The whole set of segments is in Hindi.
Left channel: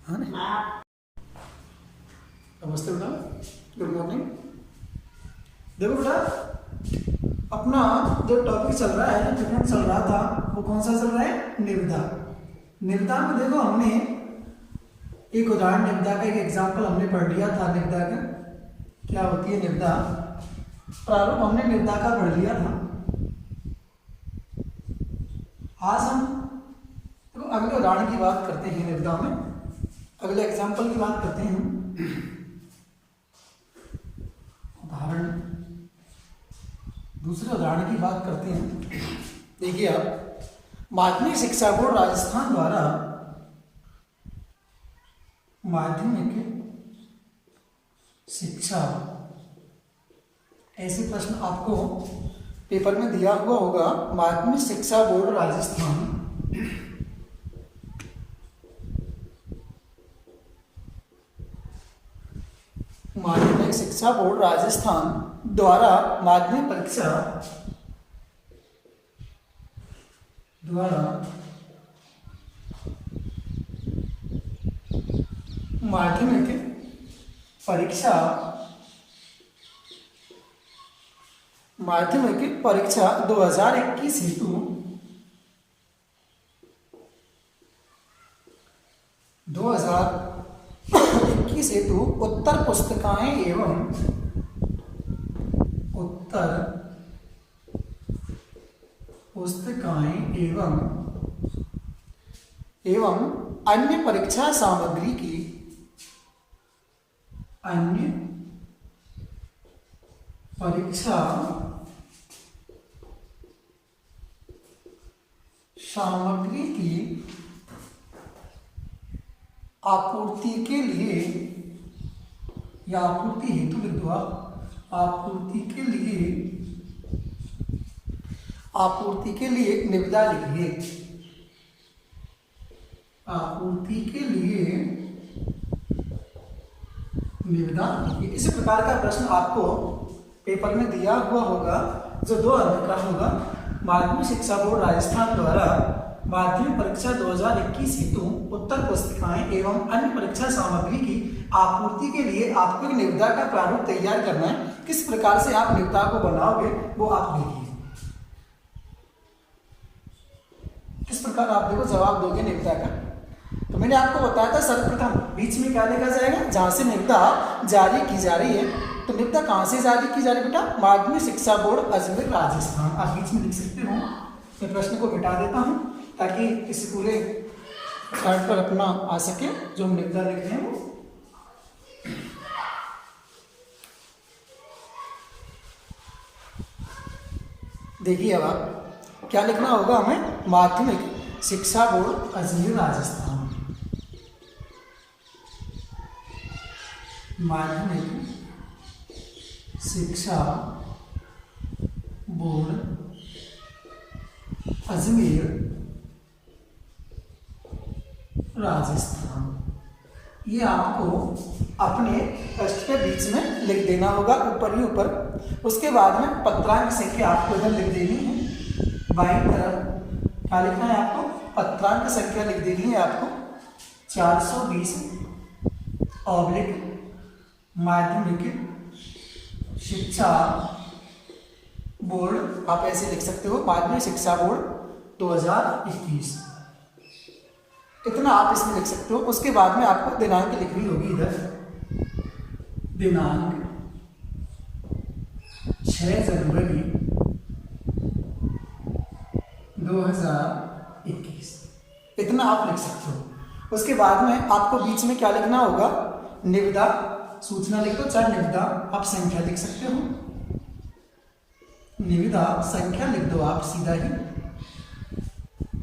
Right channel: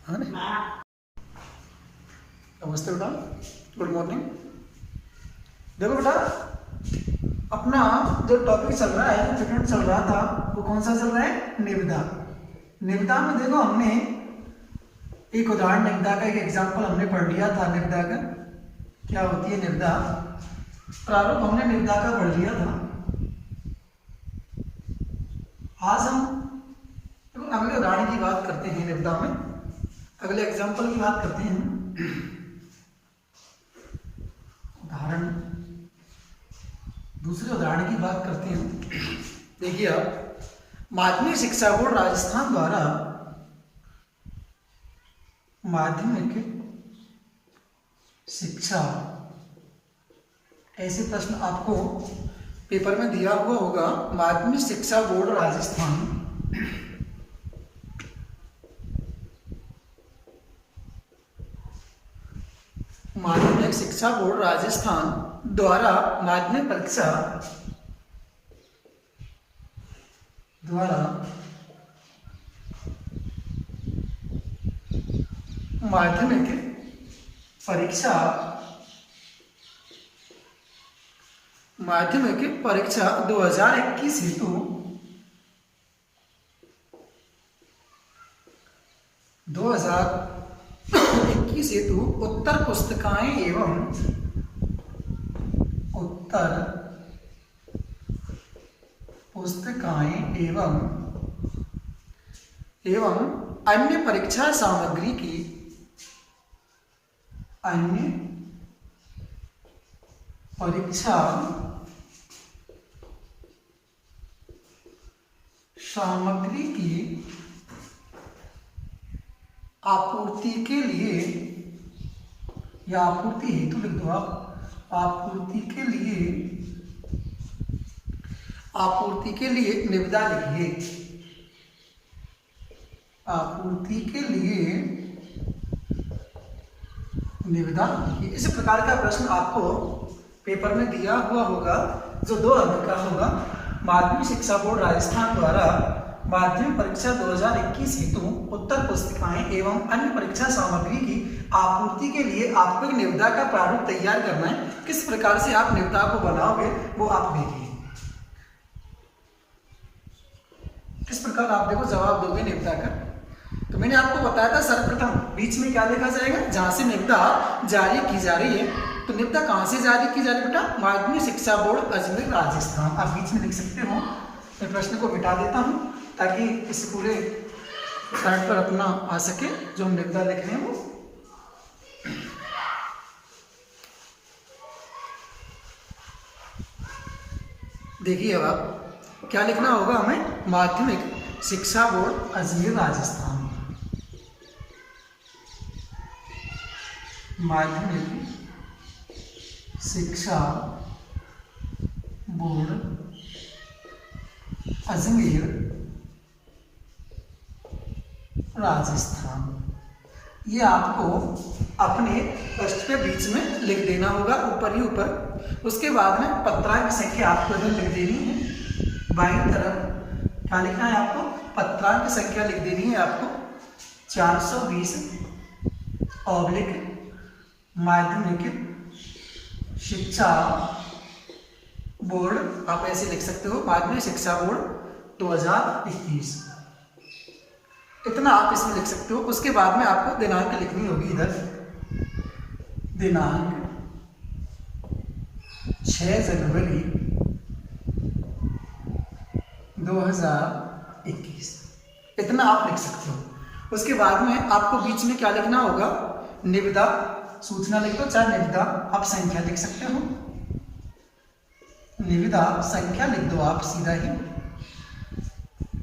हाँ नहीं, नमस्ते बेटा, गुड मॉर्निंग। देखो बेटा, अपना जो टॉपिक चल रहा है, जो पीरियड चल रहा था, वो कौन सा चल रहा है? निविदा। निविदा में देखो हमने एक उदाहरण निविदा का एक एग्जाम्पल हमने पढ़ लिया था। निविदा का क्या होती है? निविदा प्रारूप हमने निविदा का पढ़ लिया था। आज हम तो अगले उदाहरण की बात करते हैं। निविदा में अगले एग्जाम्पल की बात करते हैं। उदाहरण दूसरे उदाहरण की बात करते हैं। देखिए आप, माध्यमिक शिक्षा बोर्ड राजस्थान द्वारा माध्यमिक शिक्षा, ऐसे प्रश्न आपको पेपर में दिया हुआ होगा। माध्यमिक शिक्षा बोर्ड राजस्थान माध्यमिक शिक्षा बोर्ड राजस्थान द्वारा माध्यमिक परीक्षा माध्यमिक परीक्षा 2021 हेतु 2021 हेतु उत्तर पुस्तिकाएं एवं अन्य परीक्षा सामग्री की आपूर्ति के लिए, या आपूर्ति हेतु लिख दो आप, आपूर्ति के लिए निविदा लिखिए। आपूर्ति के लिए निविदा लिखिए। इस प्रकार का प्रश्न आपको पेपर में दिया हुआ होगा, जो 2 अंक का होगा। माध्यमिक शिक्षा बोर्ड राजस्थान द्वारा माध्यमिक परीक्षा 2021 हेतु उत्तर पुस्तिकाएं एवं अन्य परीक्षा सामग्री की आपूर्ति के लिए आपको एक निविदा का प्रारूप तैयार करना है। किस प्रकार से आप निविदा को बनाओगे वो आप देखिए। किस प्रकार आप देखो जवाब दोगे निविदा का। तो मैंने आपको बताया था सर्वप्रथम बीच में क्या लिखा जाएगा, जहां से निविदा जारी की जा रही है। तो निविदा कहां से जारी की जा रही है बेटा? माध्यमिक शिक्षा बोर्ड अजमेर राजस्थान। आप बीच में लिख सकते हो। मैं प्रश्न को मिटा देता हूं ताकि इस पूरे चार्ट पर अपना आ सके जो हम निविदा लिख रहे हैं वो। देखिए अब आप क्या लिखना होगा हमें? माध्यमिक शिक्षा बोर्ड अजमेर राजस्थान, माध्यमिक शिक्षा बोर्ड अजमेर राजस्थान। ये आपको अपने प्रश्न के बीच में लिख देना होगा, ऊपर ही ऊपर। उसके बाद में पत्रांक संख्या आपको इधर लिख देनी है। बाईं तरफ क्या लिखना है आपको? पत्रांक संख्या लिख देनी है आपको 420 ऑब्लिक माध्यमिक शिक्षा बोर्ड। आप ऐसे लिख सकते हो, माध्यमिक शिक्षा बोर्ड 2021। इतना आप इसमें लिख सकते हो। उसके बाद में आपको दिनांक लिखनी होगी इधर। दिनांक 6 जनवरी 2021, इतना आप लिख सकते हो। उसके बाद में आपको बीच में क्या लिखना होगा? निविदा सूचना लिख दो, चाहे निविदा आप संख्या लिख सकते हो। निविदा संख्या लिख दो आप, सीधा ही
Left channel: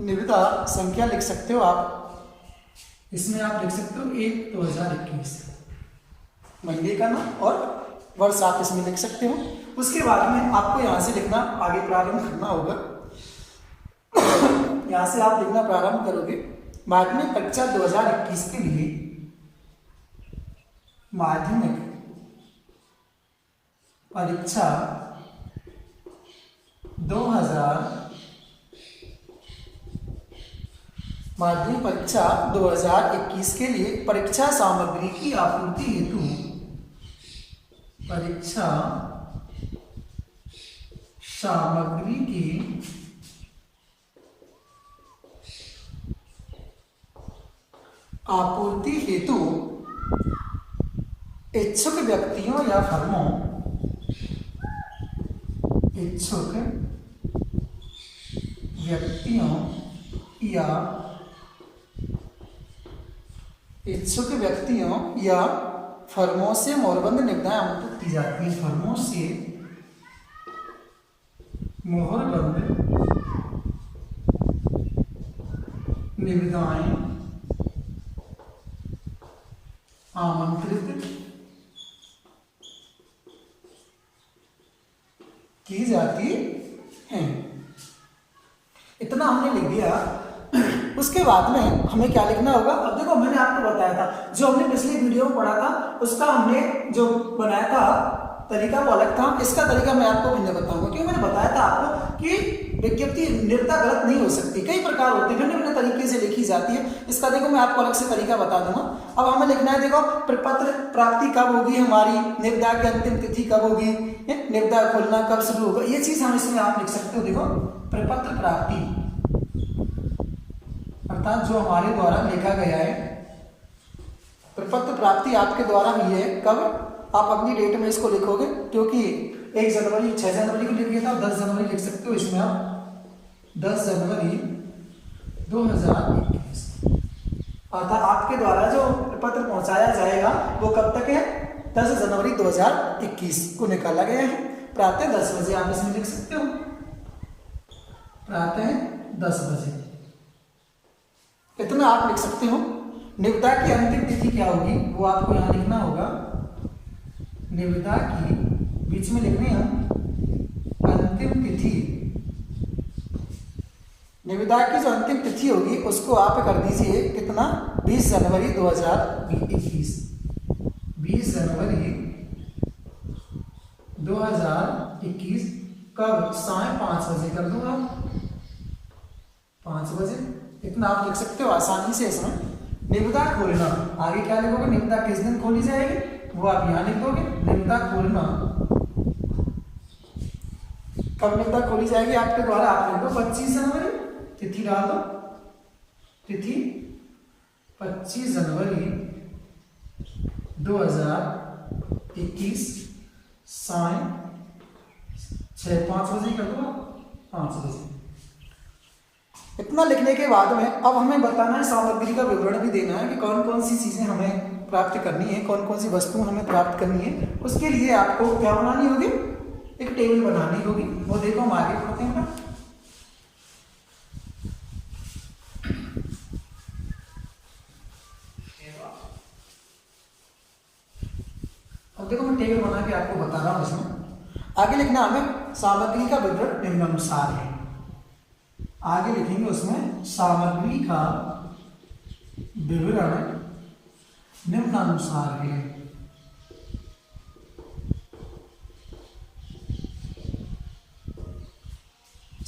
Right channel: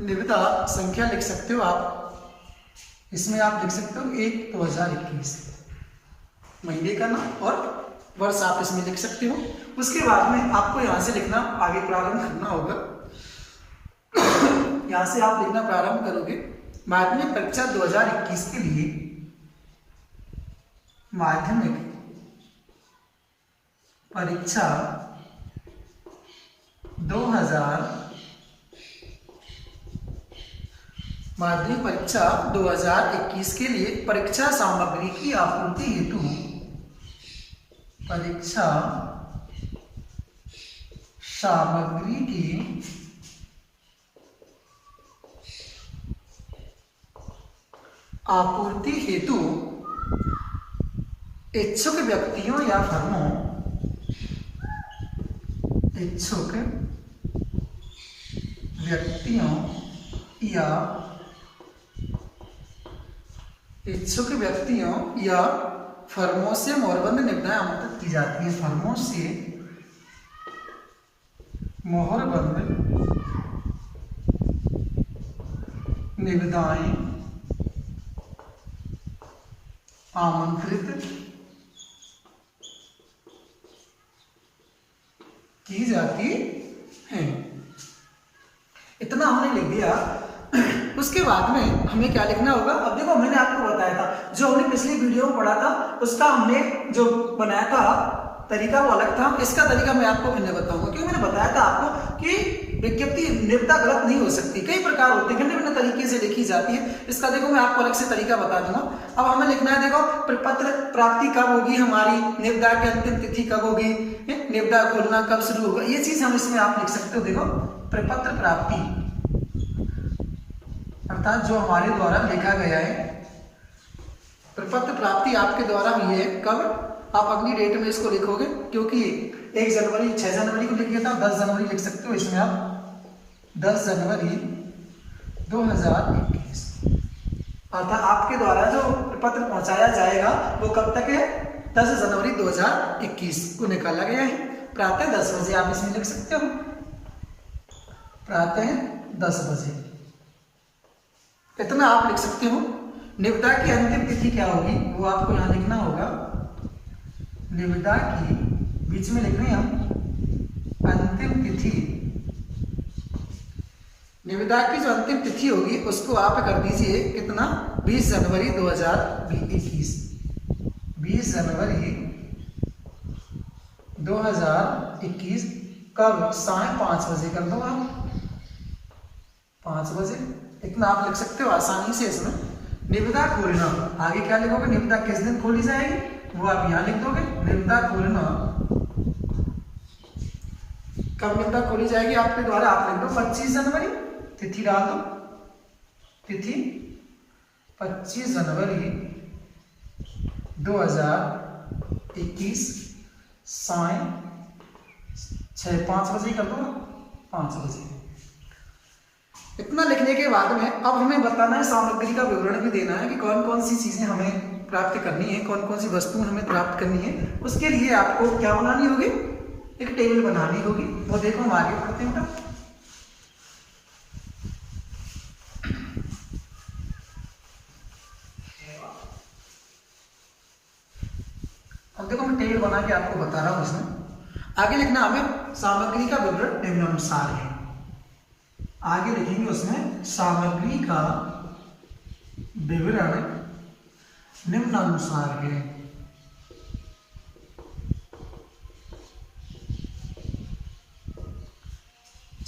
निविदा संख्या लिख सकते हो आप। इसमें आप लिख सकते हो 1/2021 महीने का नाम और वर्ष आप इसमें लिख सकते हो। उसके बाद में आपको यहाँ से लिखना आगे प्रारंभ करना होगा। यहाँ से आप लिखना प्रारंभ करोगे। माध्यमिक परीक्षा 2021 के लिए माध्यमिक परीक्षा 2021 माध्यमिक परीक्षा 2021 के लिए परीक्षा सामग्री की आपूर्ति हेतु परीक्षा सामग्री की आपूर्ति हेतु इच्छुक व्यक्तियों या फर्मों से मोहरबंद निविदाएं आमंत्रित की जाती हैं। फर्मों से मोहरबंद निविदाएं आमंत्रित की जाती हैं। इतना हमने लिख दिया। उसके बाद में हमें क्या लिखना होगा? अब देखो, मैंने आपको बताया था, जो हमने पिछली वीडियो में पढ़ा था उसका हमने जो बनाया था तरीका वो अलग था। इसका तरीका मैं आपको भिन्न बताऊंगा, क्योंकि मैंने बताया था आपको कि विज्ञप्ति निविदा गलत नहीं हो सकती, कई प्रकार होते हैं, भिन्न भिन्न तरीके से लिखी जाती है। इसका देखो मैं आपको अलग से तरीका बता दूंगा। अब हमें लिखना है, देखो प्रपत्र प्राप्ति कब होगी हमारी, निविदा की अंतिम तिथि कब होगी, निविदा खोलना कब शुरू होगा, ये चीज हम इसमें आप लिख सकते हो। देखो प्रपत्र प्राप्ति अर्थात जो हमारे द्वारा लिखा गया है, प्रपत्र प्राप्ति आपके द्वारा हुई है कब, आप अगली डेट में इसको लिखोगे, क्योंकि 1 जनवरी 6 जनवरी को लिखिए था, 10 जनवरी लिख सकते हो इसमें आप 10 जनवरी 2021। अर्थात आपके द्वारा जो पत्र पहुंचाया जाएगा वो कब तक है? 10 जनवरी 2021 को निकाला गया है, प्रातः 10 बजे आप इसमें लिख सकते हो, प्रातः 10 बजे। इतना आप लिख सकते हो। निविदा की अंतिम तिथि क्या होगी वो आपको यहाँ लिखना होगा। निविदा की बीच में लिख रहे हैं हम अंतिम तिथि, निविदा की जो अंतिम तिथि होगी उसको आप कर दीजिए कितना, 20 जनवरी 2021। 20 जनवरी 2021 कब? साढ़े 5 बजे कर दो आप, 5 बजे। इतना आप लिख सकते हो आसानी से इसमें। निविदा खोलना, आगे क्या लिखोगे? निविदा किस दिन खोली जाएगी वो आप यहाँ लिख दोगे। निविदा खोलना कब निविदा खोली जाएगी आपके द्वारा, आप लिख दो 25 जनवरी, तिथि डाल दो, तिथि 25 जनवरी 2021 साय 5 बजे कर दो, 5 बजे। इतना लिखने के बाद में अब हमें बताना है, सामग्री का विवरण भी देना है कि कौन कौन सी चीजें हमें प्राप्त करनी है, कौन कौन सी वस्तुएं हमें प्राप्त करनी है। उसके लिए आपको क्या बनानी होगी? एक टेबल बनानी होगी। वो देखो हम आगे पढ़ते हैं बेटा। अब देखो मैं टेबल बना के आपको बता रहा हूं। उसमें आगे लिखना हमें सामग्री का विवरण निम्नानुसार है। आगे लिखेंगे उसमें सामग्री का विवरण निम्नानुसार है।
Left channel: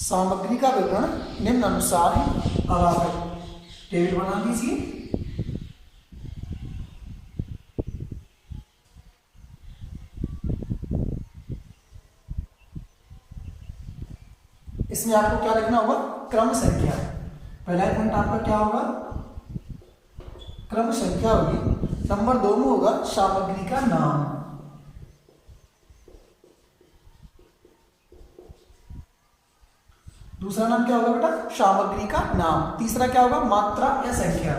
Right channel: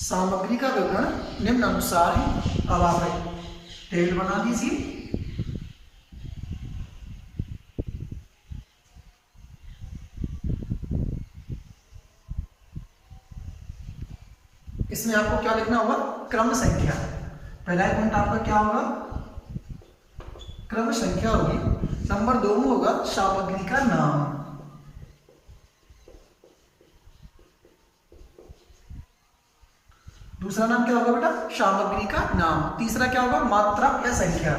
सामग्री का विवरण निम्नानुसार है। अब आप टेबल बना दीजिए। इसमें आपको क्या लिखना होगा? क्रम संख्या। पहला पॉइंट आपका क्या होगा? क्रम संख्या होगी। नंबर 2 में होगा सामग्री का नाम। दूसरा नाम क्या होगा बेटा? सामग्री का नाम। तीसरा क्या होगा? मात्रा या संख्या।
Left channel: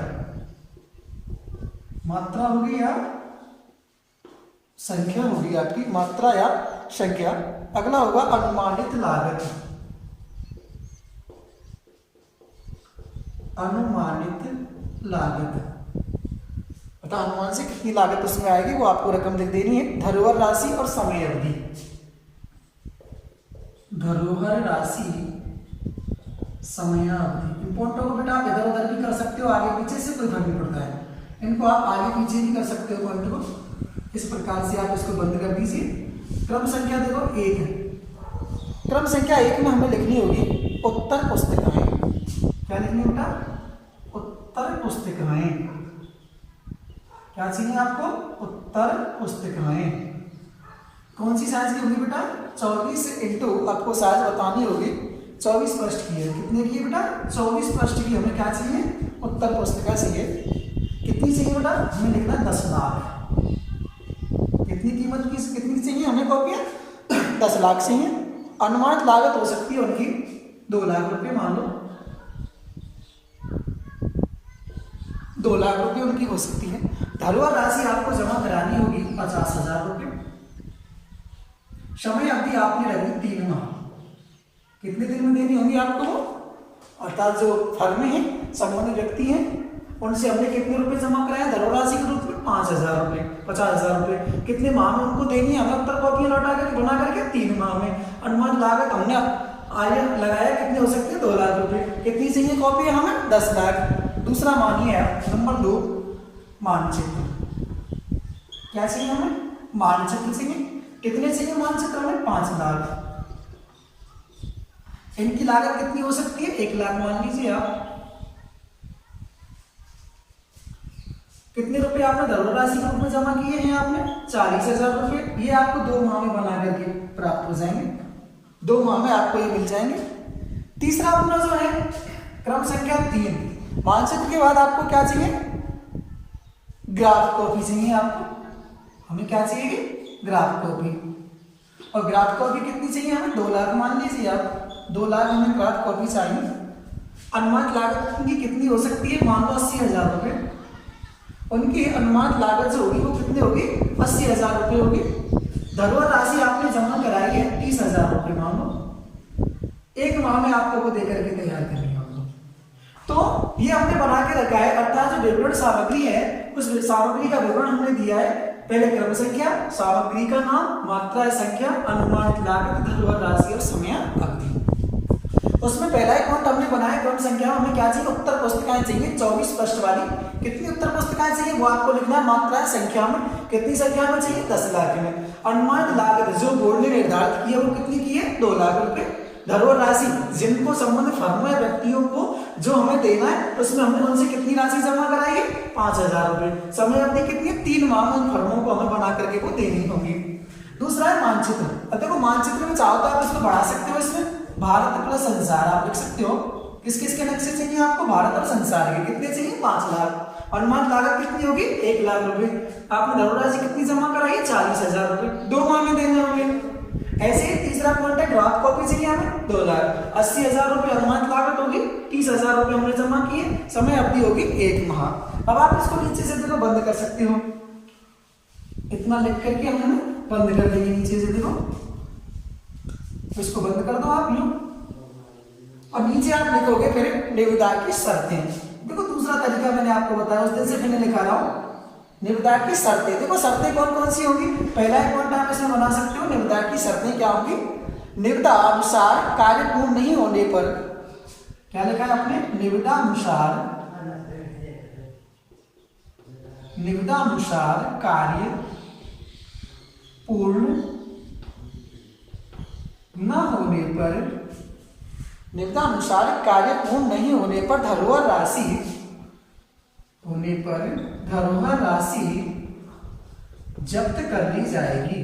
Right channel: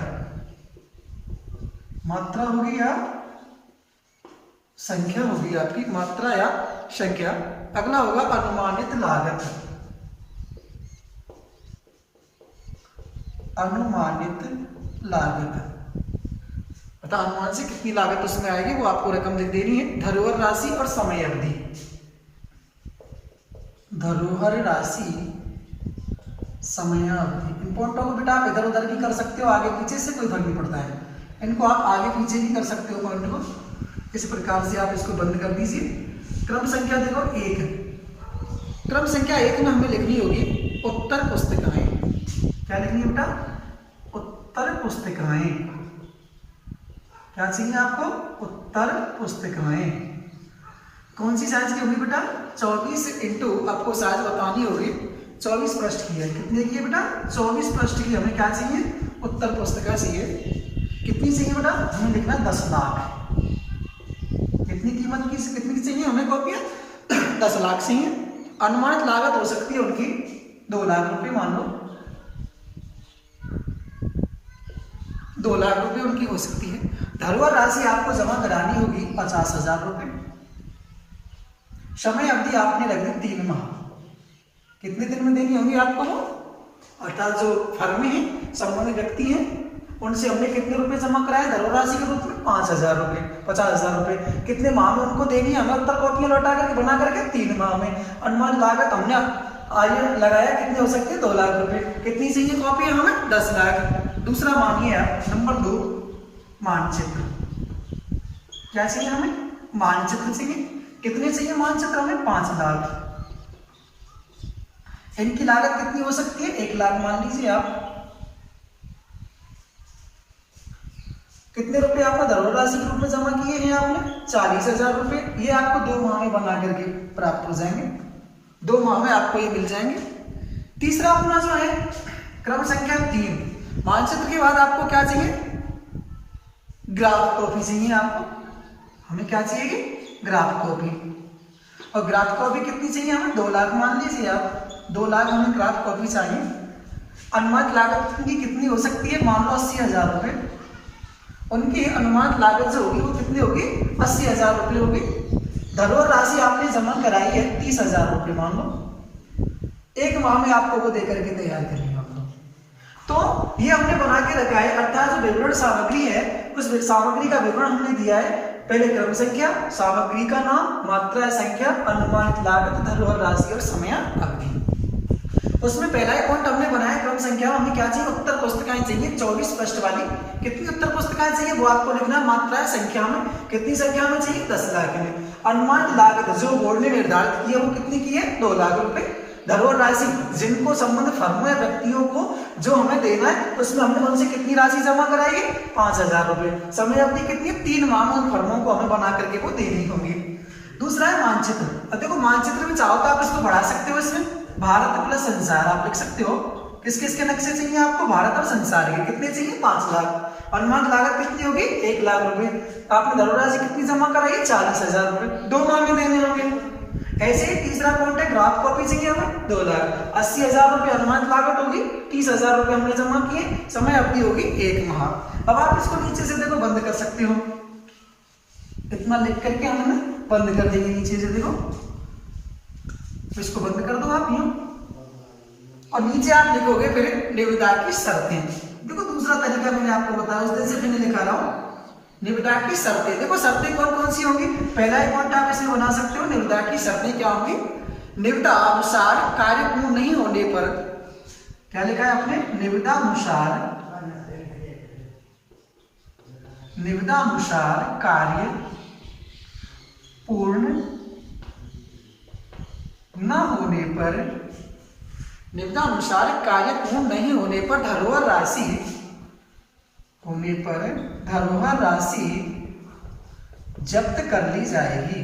मात्रा होगी या संख्या होगी आपकी, मात्रा या संख्या। अगला होगा अनुमानित लागत। अनुमानित लागत अतः अनुमान से कितनी लागत उसमें आएगी वो आपको रकम लिख देनी है। धरोहर राशि और समय अवधि। धरोहर राशि, समय अवधि। इन पॉइंटों को बेटा आप इधर उधर भी कर सकते हो, आगे पीछे से कोई फर्क नहीं पड़ता है। इनको आप आगे पीछे भी कर सकते हो पॉइंट को। इस प्रकार से आप इसको बंद कर दीजिए। क्रम संख्या देखो 1 है। क्रम संख्या 1 में हमें लिखनी होगी उत्तर पुस्तिकाएं। क्या लिखनी है बेटा? उत्तर पुस्तिकाएं। क्या चाहिए आपको? उत्तर पुस्तिकाएं। कौन सी साइज की होगी बेटा? 24 इंटू, आपको साइज बतानी होगी, 24 पृष्ठ की है। कितने की है बेटा? 24 पृष्ठ की हमें क्या चाहिए? उत्तर पुस्तिका चाहिए। कितनी चाहिए बेटा? हमें लिखना है 10 लाख। कितनी कीमत की, कितनी की चाहिए हमें कॉपियां? 10 लाख चाहिए। अनुमानित लागत हो सकती है उनकी 2 लाख रुपए, मान लो 2 लाख रुपए उनकी हो सकती है। धरोहर राशि आपको जमा करानी होगी 50,000 रुपए। समय अवधि आपने रख दी 3 माह। कितने दिन में देनी होगी आपको वो? अर्थात जो फर्म है, संबंधित व्यक्ति हैं, उनसे हमने कितने रुपए जमा कराए धरोहर राशि के रूप में? 5,000 रुपए, 50,000 रुपए। कितने माह में उनको देनी है हमें उत्तर कॉपियां लौटा करके, बना करके? 3 माह में। अनुमान लागत हमने आगे लगाया, कितने हो सकते हैं? 2 लाख रुपए। कितनी चाहिए कॉपियां हमें? 10 लाख। दूसरा मानिए आप, नंबर 2, मानचित्र। क्या चाहिए हमें? मानचित्र चाहिए। कितने चाहिए मानचित्र हमें? 5 लाख। इनकी लागत कितनी हो सकती है? 1 लाख मान लीजिए आप। कितने रुपए आपने धरोहर राशि के रूप में जमा किए हैं आपने? 40,000 रुपए। ये आपको 2 माह में बना करके प्राप्त हो जाएंगे, 2 माह में आपको ये मिल जाएंगे। तीसरा अपना जो है क्रम संख्या 3, मानचित्र के बाद आपको क्या चाहिए? ग्राफ कॉपी चाहिए आपको। हमें क्या चाहिए? Graph copy. और ग्राफ कॉपी कितनी चाहिए हमें? 2 लाख मान लीजिए आप। 2 लाख हमें ग्राफ कॉपी चाहिए। अनुमानित लागत की कितनी हो सकती है? मान लो 80,000 रुपए। उनकी अनुमानित लागत जो होगी वो कितनी होगी? 80,000 रुपये होगी। धरोहर राशि आपने जमा कराई है 30,000 रुपये, मान लो 1 माह में आपको वो देकर के तैयार करनी है। तो ये हमने बना के रखा है, अर्थात जो विवरण सामग्री है उस सामग्री का विवरण हमने दिया है। पहले क्रम संख्या, सामग्री का नाम, मात्रा संख्या, अनुमानित लागत, धरोहर राशि और समय अवधि। उसमें पहला ही पॉइंट हमने बनाया क्रम संख्या, हमें क्या चाहिए? उत्तर पुस्तिकाएं चाहिए 24 पृष्ठ वाली। कितनी उत्तर पुस्तिकाएं चाहिए वो आपको लिखना। मात्रा संख्या में, कितनी संख्या में चाहिए? 10 लाख में। अनुमानित लागत जो बोर्ड ने निर्धारित की है वो कितनी की है? 2 लाख रुपए। धरोहर राशि जिनको संबंधित फर्मों या व्यक्तियों को जो हमें देना है उसमें हमने उनसे कितनी राशि जमा कराई? 5,000 रुपए। समय अवधि कितनी? 3 माह में उन फर्मों को हमें बना करके वो देनी होगी। दूसरा है मानचित्र। अब देखो मानचित्र में चाहो तो आप इसको बढ़ा सकते हो, इसमें भारत प्लस संसार आप लिख सकते हो। किस किस के नक्शे चाहिए आपको? भारत और संसार के। कितने चाहिए? 5 लाख। अनुमानित लागत कितनी होगी? 1 लाख रुपए। आपने धरोहर राशि कितनी जमा कराई? 40,000 रुपए। 2 माह में देने होंगे। ऐसे ही तीसरा पॉइंट है ग्राफ कॉपी चाहिए हमें 2 लाख। 80,000 रुपये अनुमानित लागत होगी, 30,000 रुपये हमने जमा किए, समय अवधि होगी 1 माह। अब आप इसको नीचे से देखो बंद कर सकते हो, इतना लिख करके हमने बंद कर देंगे नीचे से, देखो इसको बंद कर दो आप यूं, और नीचे आप लिखोगे फिर निविदा की शर्तें। देखो दूसरा तरीका मैंने आपको बताया, उस दिन से मैंने लिखा रहा हूं निविदा की शर्तें। देखो शर्तें कौन कौन सी होंगी? पहला एक पॉइंट आप इसमें बना सकते हो, निविदा की शर्तें क्या होंगी? निविदा अनुसार कार्य पूर्ण नहीं होने पर, क्या लिखा है आपने? निविदा अनुसार कार्य पूर्ण न होने पर, निविदा अनुसार कार्य पूर्ण नहीं होने पर धरोहर राशि जब्त कर ली जाएगी।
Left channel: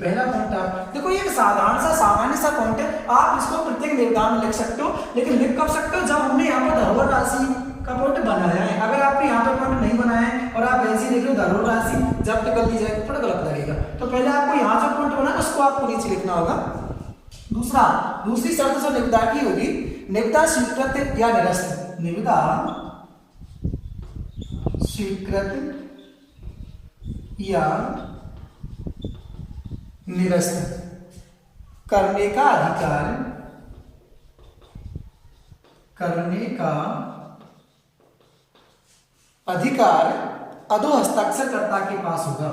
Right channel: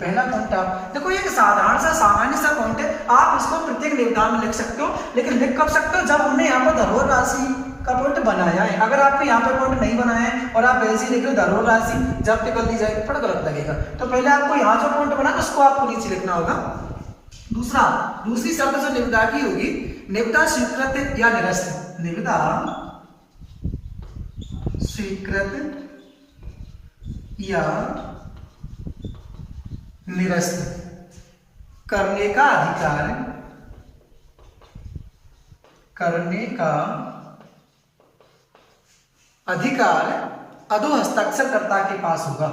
पहला पॉइंट आप देखो, ये सामान्य सा पॉइंट है, आप इसको प्रत्येक निविदा में लिख सकते हो, लेकिन लिख कब सकते हो? जब हमने यहाँ पर धरोहर राशि का पॉइंट बनाया है। अगर आपने यहाँ पे पॉइंट नहीं बनाया है और आप ऐसे ही लिख रहे हो धरोहर राशि जब्त कर ली जाएगी, थोड़ा गलत लगेगा। तो पहले आपको यहाँ जो पॉइंट बना उसको आपको नीचे लिखना होगा। दूसरी शर्त जो निविदा की होगी, निविदा स्वीकृत या निरस्त, निविदा स्वीकृत या निरस्त करने का अधिकार अधो हस्ताक्षरकर्ता के पास होगा।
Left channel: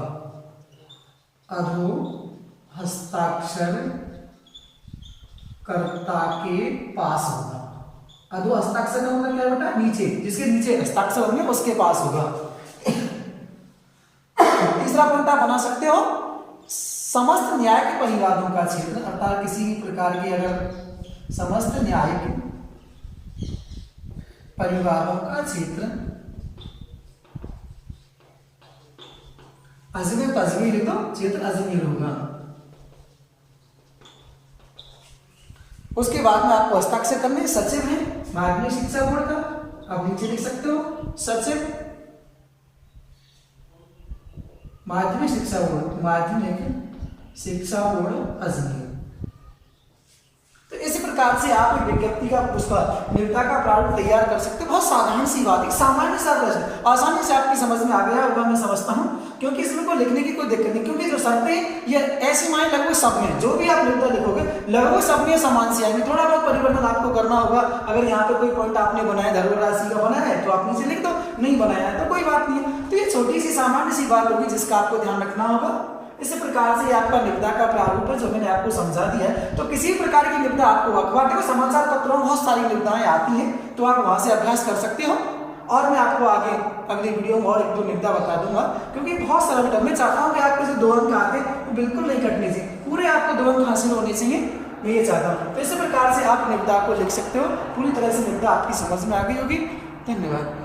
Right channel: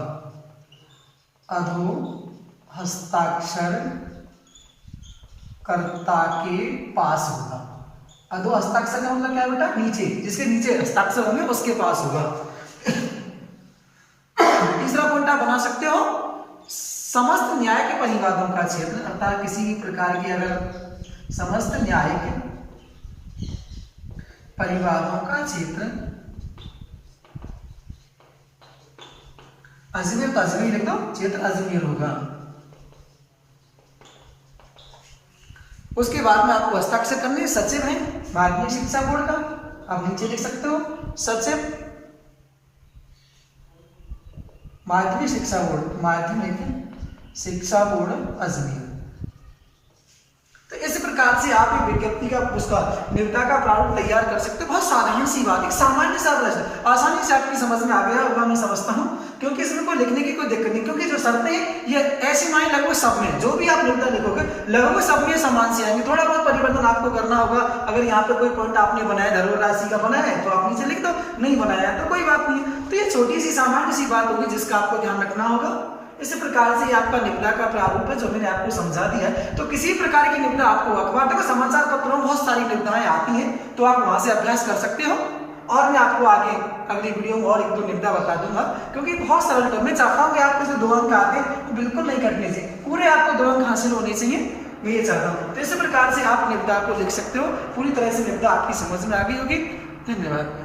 अधो हस्ताक्षरकर्ता के पास होगा। अधो हस्ताक्षर का मतलब क्या है बेटा? नीचे, जिसके नीचे हस्ताक्षर होंगे उसके पास होगा। तीसरा पॉइंट आप बना सकते हो, समस्त न्याय के परिवादों का क्षेत्र, अर्थात किसी भी प्रकार की अगर समस्त न्यायिक परिवारों का क्षेत्र अजमेर, तो अजमेर लिख दो, क्षेत्र अजमेर होगा। उसके बाद में आपको हस्ताक्षर करने, सचिव है माध्यमिक शिक्षा बोर्ड का, आप नीचे लिख सकते हो सचिव माध्यमिक शिक्षा बोर्ड, माध्यमिक शिक्षा बोर्ड अजमेर। तो इस प्रकार से आप एक विज्ञप्ति का उसका निविदा का प्रारूप तैयार कर सकते हो। बहुत साधारण सी बात है, सामान्य सा प्रश्न, आसानी से आपकी समझ में आ गया होगा मैं समझता हूँ, क्योंकि इसमें कोई लिखने की कोई दिक्कत नहीं, क्योंकि जो शर्तें ये ऐसी माने लगभग सब में, जो भी आप निविदा लिखोगे लगभग सब में समान से आएंगे। थोड़ा बहुत परिवर्तन आपको करना होगा। अगर यहाँ पे कोई पॉइंट आपने बनाया धरोहर राशि का बनाया है तो आप नीचे लिख दो, नहीं बनाया है तो कोई बात नहीं है। तो ये छोटी सी सामान्य सी बात होगी जिसका आपको ध्यान रखना होगा। इसी प्रकार से आपका निविदा का प्रारूप है जो मैंने आपको समझा दिया है। तो किसी प्रकार की निविदा आपको अखबार में, समाचार पत्रों में बहुत सारी निविदाएं आती हैं, तो आप वहां से अभ्यास कर सकते हो। और मैं आपको आगे अगली वीडियो में और एक दो निविदा बता दूंगा, क्योंकि बहुत सरल है। मैं चाहता हूँ कि आपको जो 2 अंक आते हैं वो बिल्कुल नहीं कटने चाहिए, पूरे आपको 2 अंक हासिल होने चाहिए, मैं ये चाहता हूँ। तो इसी प्रकार से आप निविदा को लिख सकते हो। पूरी तरह से निविदा आपकी समझ में आ गई होगी। धन्यवाद।